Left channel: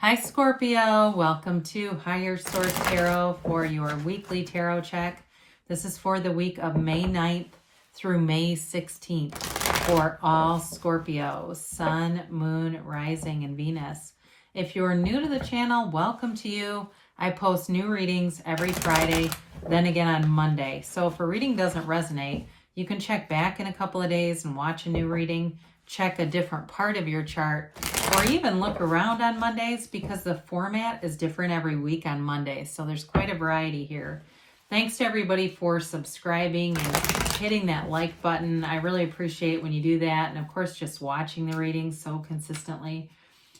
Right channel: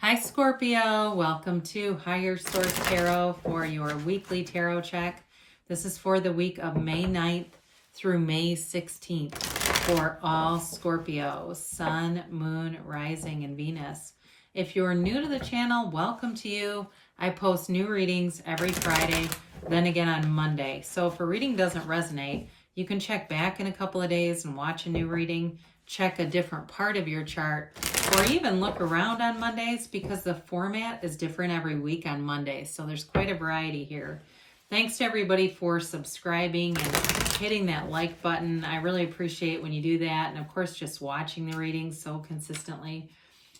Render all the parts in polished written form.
Hi Scorpio, welcome to Higher Source Tarot for your weekly tarot check. This is for the week of May 9th through May 16th for all Scorpios, Sun, Moon, Rising, and Venus. If you're new to the channel, welcome to you. I post new readings every Friday, then again on Monday. So if a reading doesn't resonate, you can check back in a couple of days and watch a new reading, check a different part of your chart, or even look around on Mondays because the format is different every week on Mondays. So there's quite a variety here. Thanks to everybody for subscribing and hitting that like button. I really appreciate when you do that. And of course, just watching the readings so consistently.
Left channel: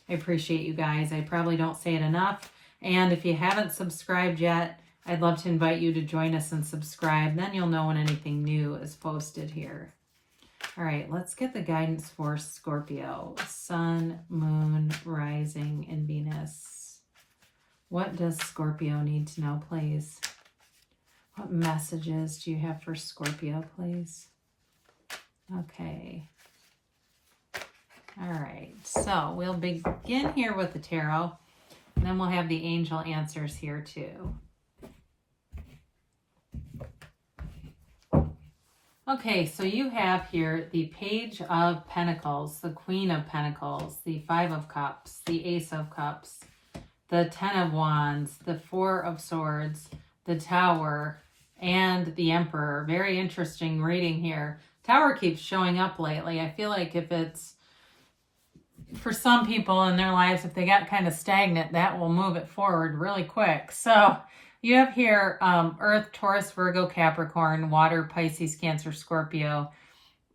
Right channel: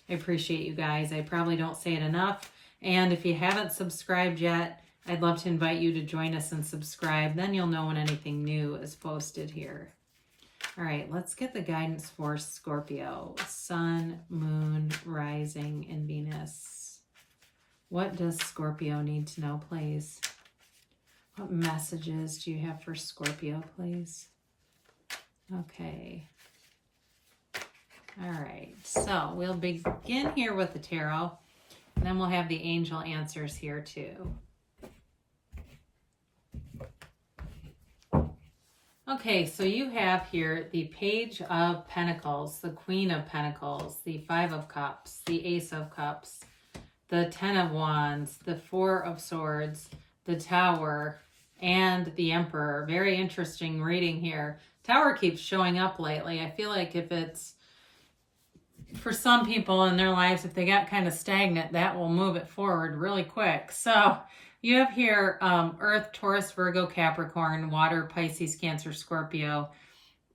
I appreciate you guys. I probably don't say it enough. And if you haven't subscribed yet, I'd love to invite you to join us and subscribe. Then you'll know when anything new is posted here. All right, let's get the guidance for Scorpio, Sun, Moon, Rising, and Venus. What does Scorpio need to know, please? What messages do you have for Scorpio, please? Okay. All right, so we'll begin here with the tarot, and then we'll have the angel answers here too. Okay, so you have here the Page of Pentacles, the Queen of Pentacles, the Five of Cups, the Ace of Cups, the Ten of Wands, the Four of Swords, the Tower, and the Emperor. Very interesting reading here. Tower keeps showing up lately. I feel like if it's, for some people in their lives, if they got kind of stagnant, that will move it forward really quick. So you have here Earth, Taurus, Virgo, Capricorn, Water, Pisces, Cancer, Scorpio,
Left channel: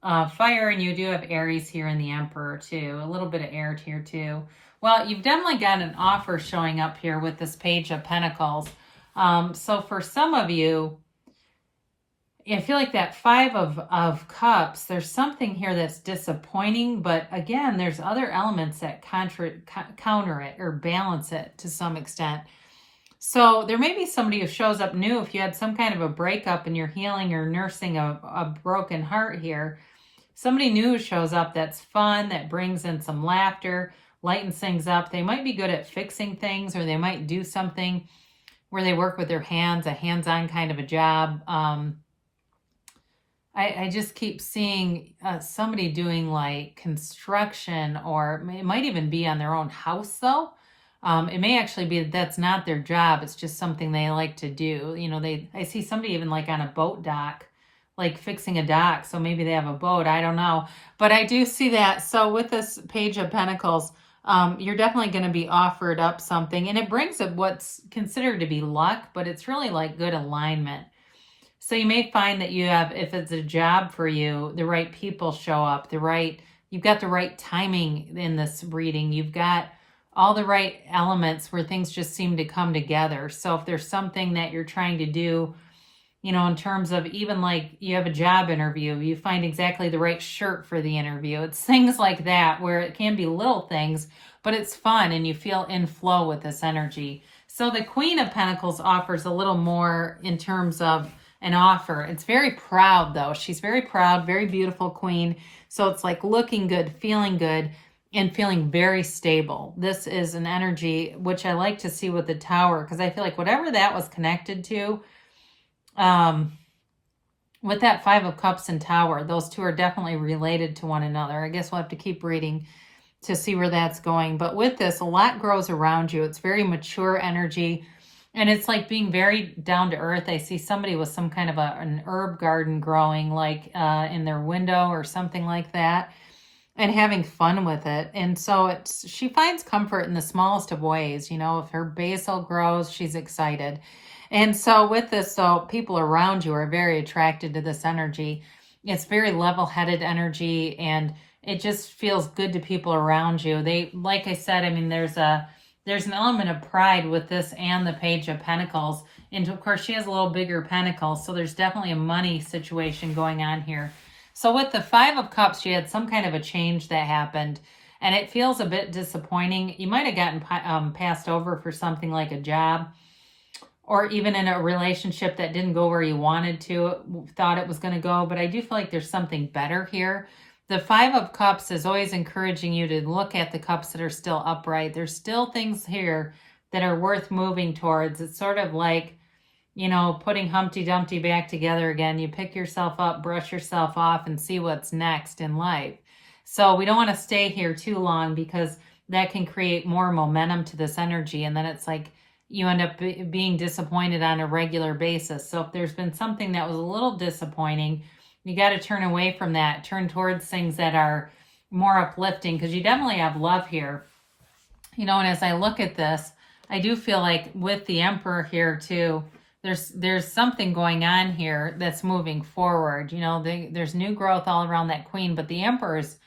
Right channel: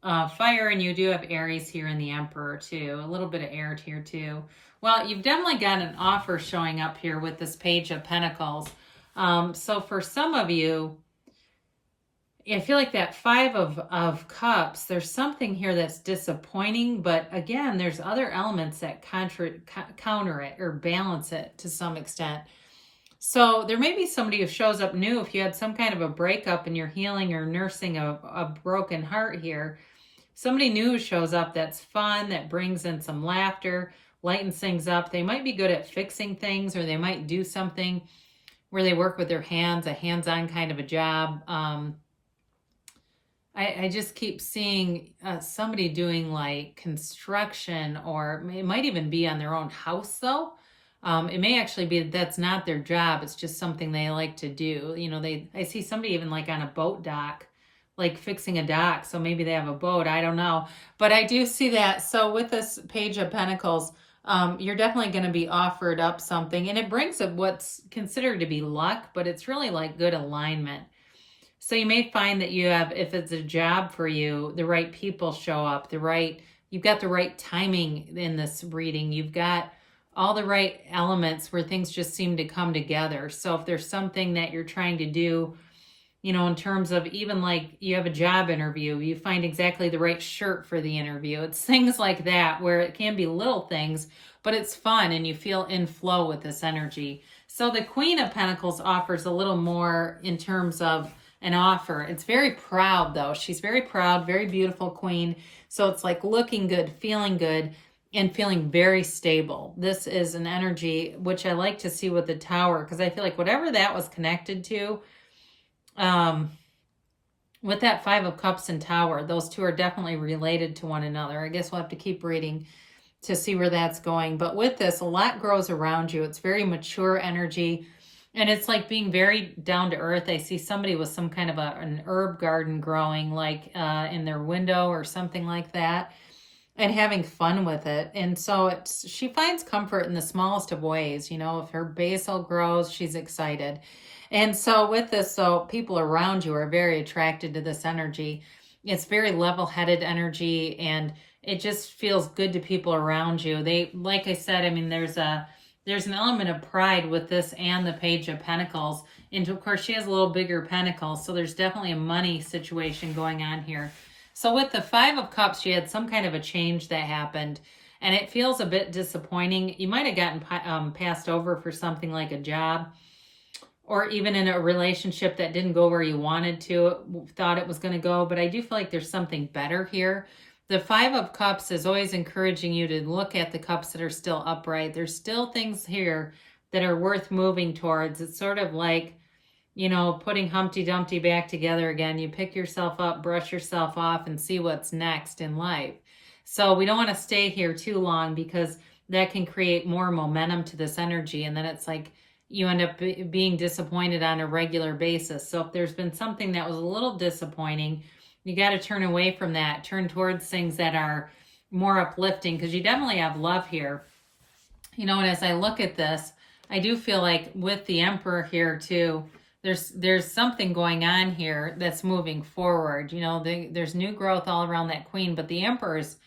Fire, and you do have Aries here in the Emperor too. A little bit of air here too. Well, you've definitely got an offer showing up here with this Page of Pentacles. So for some of you, I feel like that Five of Cups, there's something here that's disappointing, but again, there's other elements that counter it or balance it to some extent. So there may be somebody who shows up new if you had some kind of a breakup and you're healing or nursing a broken heart here. Somebody new shows up that's fun, that brings in some laughter, lightens things up. They might be good at fixing things, or they might do something where they work with their hands, a hands-on kind of a job. I just keep seeing somebody doing like construction, or it might even be on their own house though. It may actually be that's not their job. It's just something they like to do. You know, I see somebody even like on a boat dock, like fixing a dock. So maybe they have a boat. I don't know. But I do see that. So with this Page of Pentacles, you're definitely going to be offered up something. And it brings up what's considered to be luck, but it's really like good alignment. So you may find that you have, if it's a job for you, the right people show up, you've got the right timing in this reading. You've got all the right elements where things just seem to come together. So if there's something that you're trying to do, you know, in terms of even like you have a job interview, you find exactly the right shirt for the interview. It's things like that where it can be little things, but it's fun and you feel in flow with this energy. So the Queen of Pentacles offers a little more in terms of an offer. It's very proud though. She's very proud, very beautiful queen. So it's like looking good, feeling good, and feeling very stable. This is an energy which I like to see with the Tower, because I feel like whatever that was connected to, with that Five of Cups and Tower, those two are definitely related to one another. I guess we'll have to keep reading to see where that's going. But with this, a lot grows around you. It's very mature energy, and it's like being very down to earth. I see somebody with some kind of an herb garden growing like in their window or something like that, and having fun with it. And so she finds comfort in the smallest of ways. You know, if her basil grows, she's excited. And so with this, though, people around you are very attracted to this energy. It's very level-headed energy, and it just feels good to people around you. They, like I said, I mean, there's an element of pride with this and the Page of Pentacles. And of course, she has a little bigger pentacle, so there's definitely a money situation going on here. So with the Five of Cups, she had some kind of a change that happened, and it feels a bit disappointing. You might have gotten passed over for something like a job, or even in a relationship that didn't go where you wanted to, thought it was going to go. But I do feel like there's something better here. The Five of Cups is always encouraging you to look at the cups that are still upright. There's still things here that are worth moving towards. It's sort of like, you know, putting Humpty Dumpty back together again. You pick yourself up, brush yourself off, and see what's next in life. So we don't want to stay here too long, because that can create more momentum to this energy. And then it's like you end up being disappointed on a regular basis. So if there's been something that was a little disappointing, you got to turn away from that. Turn towards things that are more uplifting, because you definitely have love here. You know, and as I look at this, I do feel like with the Emperor here too, there's something going on here that's moving forward. You know, there's new growth all around that Queen, but the Emperor's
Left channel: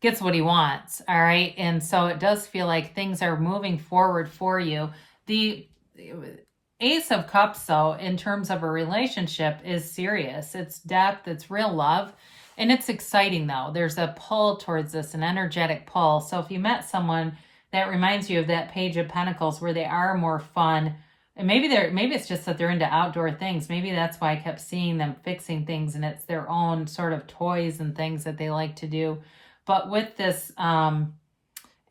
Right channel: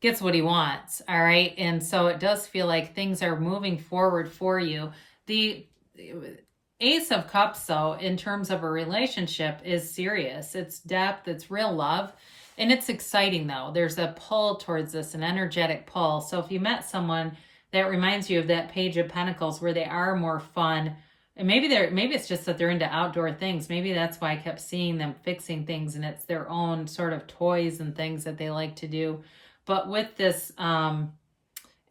gets what he wants, all right? And so it does feel like things are moving forward for you. The Ace of Cups, though, in terms of a relationship, is serious. It's depth, it's real love, and it's exciting, though. There's a pull towards this, an energetic pull. So if you met someone that reminds you of that Page of Pentacles, where they are more fun, and maybe it's just that they're into outdoor things. Maybe that's why I kept seeing them fixing things, and it's their own sort of toys and things that they like to do. But with this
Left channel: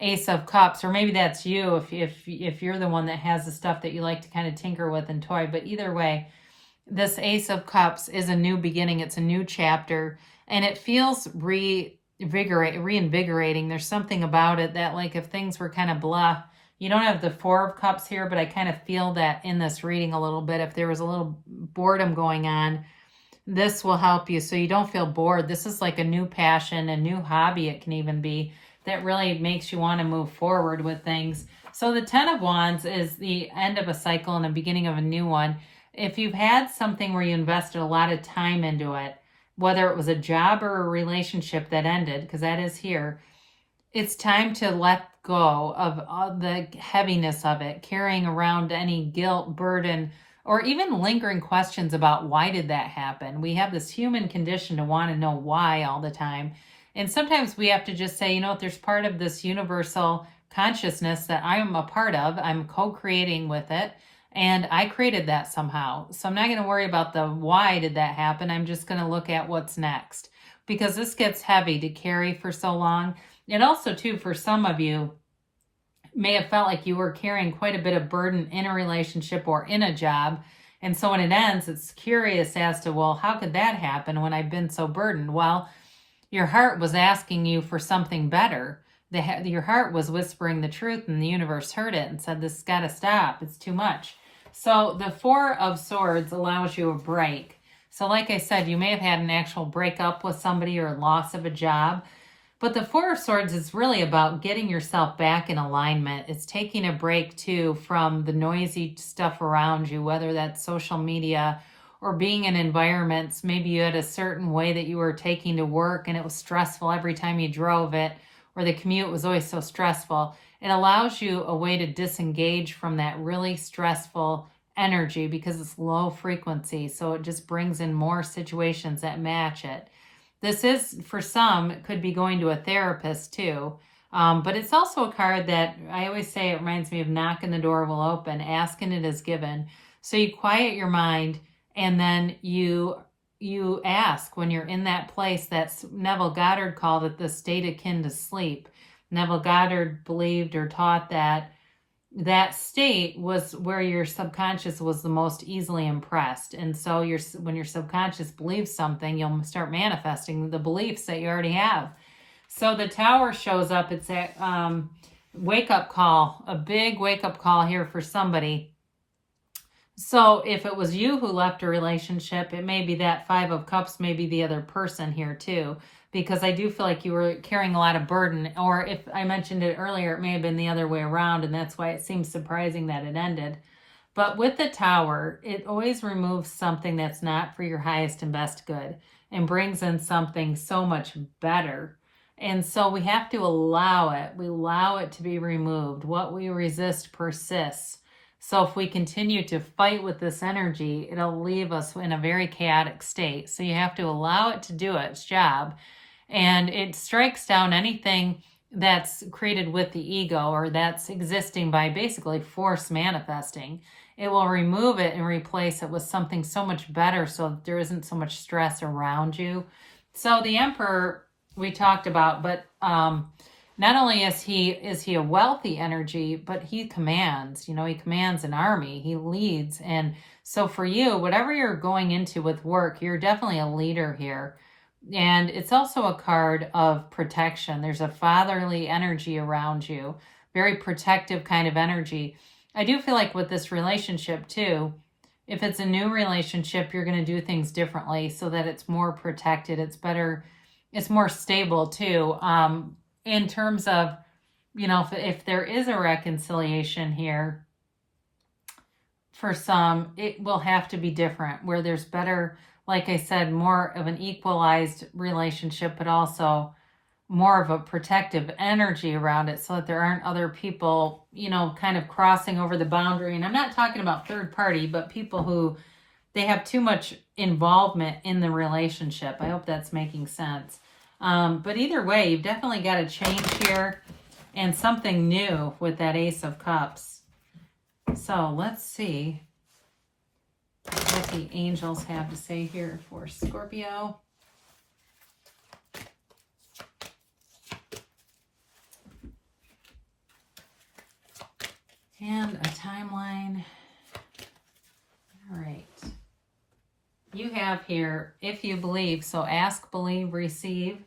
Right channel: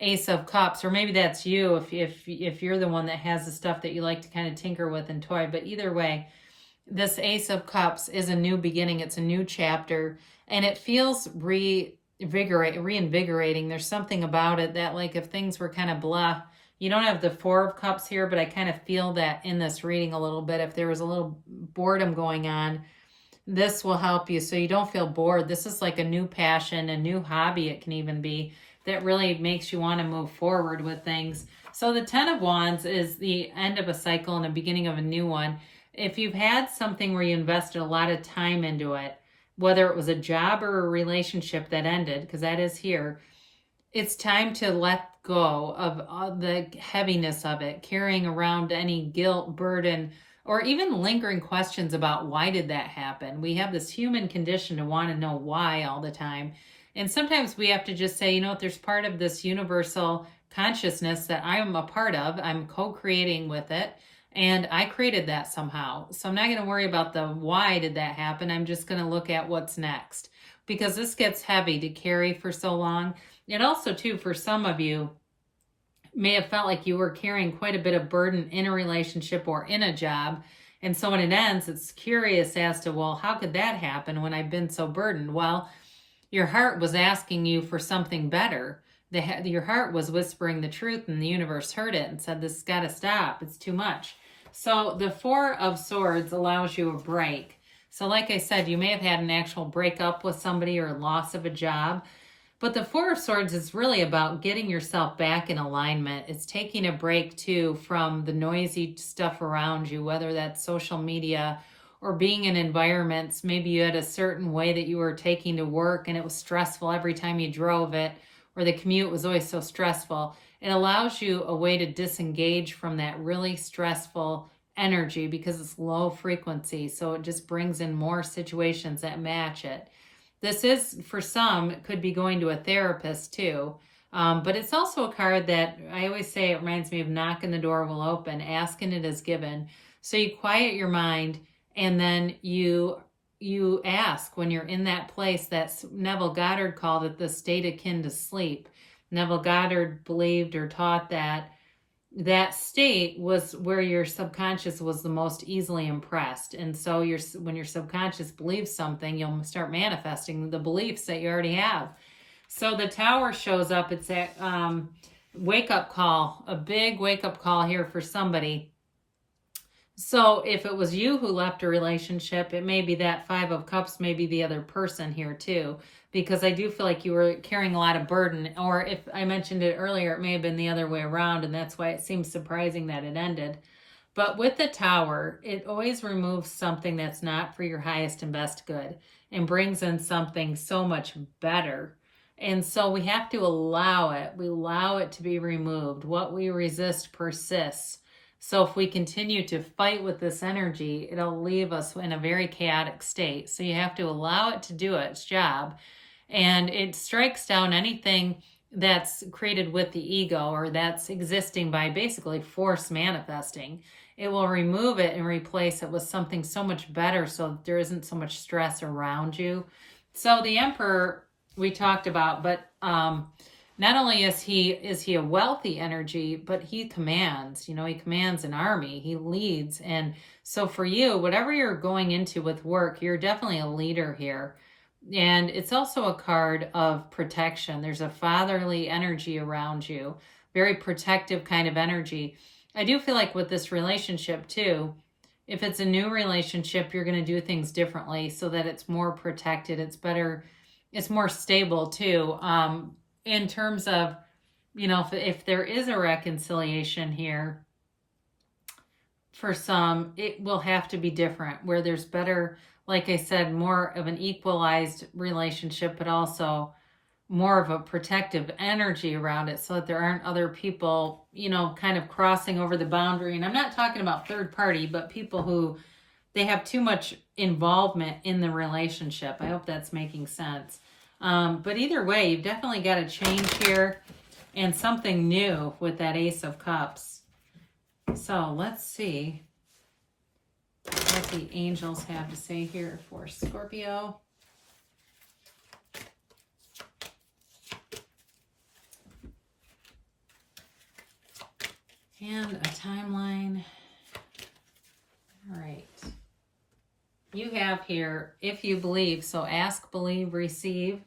Ace of Cups, or maybe that's you if you're the one that has the stuff that you like to kind of tinker with and toy. But either way, this Ace of Cups is a new beginning. It's a new chapter, and it feels reinvigorating. There's something about it that, like, if things were kind of blah, you don't have the Four of Cups here, but I kind of feel that in this reading a little bit. If there was a little boredom going on, this will help you so you don't feel bored. This is like a new passion, a new hobby, it can even be, that really makes you want to move forward with things. So the Ten of Wands is the end of a cycle and the beginning of a new one. If you've had something where you invested a lot of time into it, whether it was a job or a relationship that ended, because that is here, it's time to let go of the heaviness of it, carrying around any guilt, burden, or even lingering questions about why did that happen. We have this human condition to want to know why all the time. And sometimes we have to just say, you know what, there's part of this universal consciousness that I'm a part of. I'm co-creating with it, and I created that somehow. So I'm not going to worry about the why did that happen. I'm just going to look at what's next, because this gets heavy to carry for so long. And also, too, for some of you, may have felt like you were carrying quite a bit of burden in a relationship or in a job. And so when it ends, it's curious as to, well, how could that happen when I've been so burdened? Well, your heart was asking you for something better. Your heart was whispering the truth, and the universe heard it and said, this has got to stop. It's too much. So the Four of Swords allows you a break. So like I said, you may have had an actual breakup with somebody or loss of a job. But the Four of Swords is really about getting yourself back in alignment. It's taking a break, too, from the noisy stuff around you, whether that's social media or being in environments. Maybe you had a certain way that you were taking to work and it was stressful every time you drove it, or the commute was always so stressful. It allows you a way to disengage from that really stressful energy because it's low frequency. So it just brings in more situations that match it. This is, for some, it could be going to a therapist too. But it's also a card that I always say it reminds me of knocking the door will open, asking it is given. So you quiet your mind, and then you ask when you're in that place. That's Neville Goddard called it the state akin to sleep. Neville Goddard believed or taught that that state was where your subconscious was the most easily impressed. And so when your subconscious believes something, you'll start manifesting the beliefs that you already have. So the Tower shows up. It's a wake-up call, a big wake-up call here for somebody. So if it was you who left a relationship, it may be that Five of Cups may be the other person here too, because I do feel like you were carrying a lot of burden. Or if I mentioned it earlier, it may have been the other way around, and that's why it seems surprising that it ended. But with the Tower, it always removes something that's not for your highest and best good and brings in something so much better. And so we have to allow it. We allow it to be removed. What we resist persists. So if we continue to fight with this energy, it'll leave us in a very chaotic state. So you have to allow it to do its job. And it strikes down anything that's created with the ego, or that's existing by basically force manifesting. It will remove it and replace it with something so much better, so there isn't so much stress around you. So the Emperor we talked about, but not only is he a wealthy energy, but he commands, you know, he commands an army, he leads. And so for you, whatever you're going into with work, you're definitely a leader here. And it's also a card of protection. There's a fatherly energy around you, very protective kind of energy. I do feel like with this relationship too, if it's a new relationship, you're going to do things differently so that it's more protected. It's better. It's more stable too. In terms of, you know, if there is a reconciliation here, for some, it will have to be different, where there's better, like I said, more of an equalized relationship, but also more of a protective energy around it so that there aren't other people, you know, kind of crossing over the boundary. And I'm not talking about third party, but people who they have too much involvement in the relationship. I hope that's making sense. But either way, you've definitely got a change here and something new with that Ace of Cups. So let's see what the angels have to say here for Scorpio. And a timeline. All right. You have here, if you believe, so ask, believe, receive.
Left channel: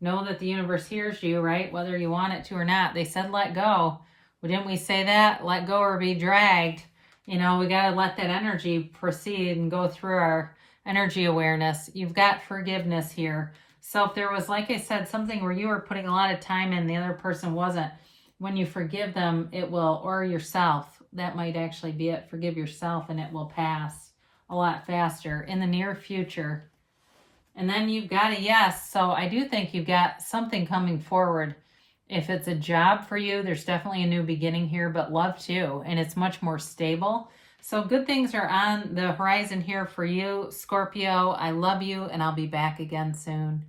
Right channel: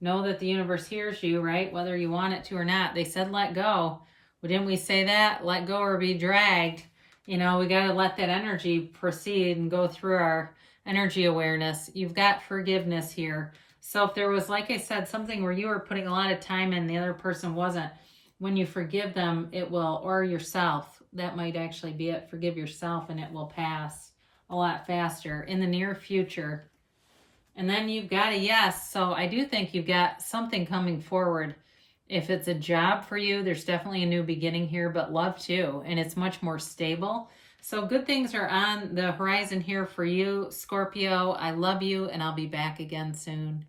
Know that the universe hears you, right? Whether you want it to or not. They said let go. Well, didn't we say that? Let go or be dragged. You know, we got to let that energy proceed and go through our energy awareness. You've got forgiveness here. So if there was, like I said, something where you were putting a lot of time in, the other person wasn't, when you forgive them, it will, or yourself, that might actually be it. Forgive yourself and it will pass a lot faster in the near future. And then you've got a yes. So I do think you've got something coming forward. If it's a job for you, there's definitely a new beginning here, but love too. And it's much more stable. So good things are on the horizon here for you, Scorpio. I love you, and I'll be back again soon.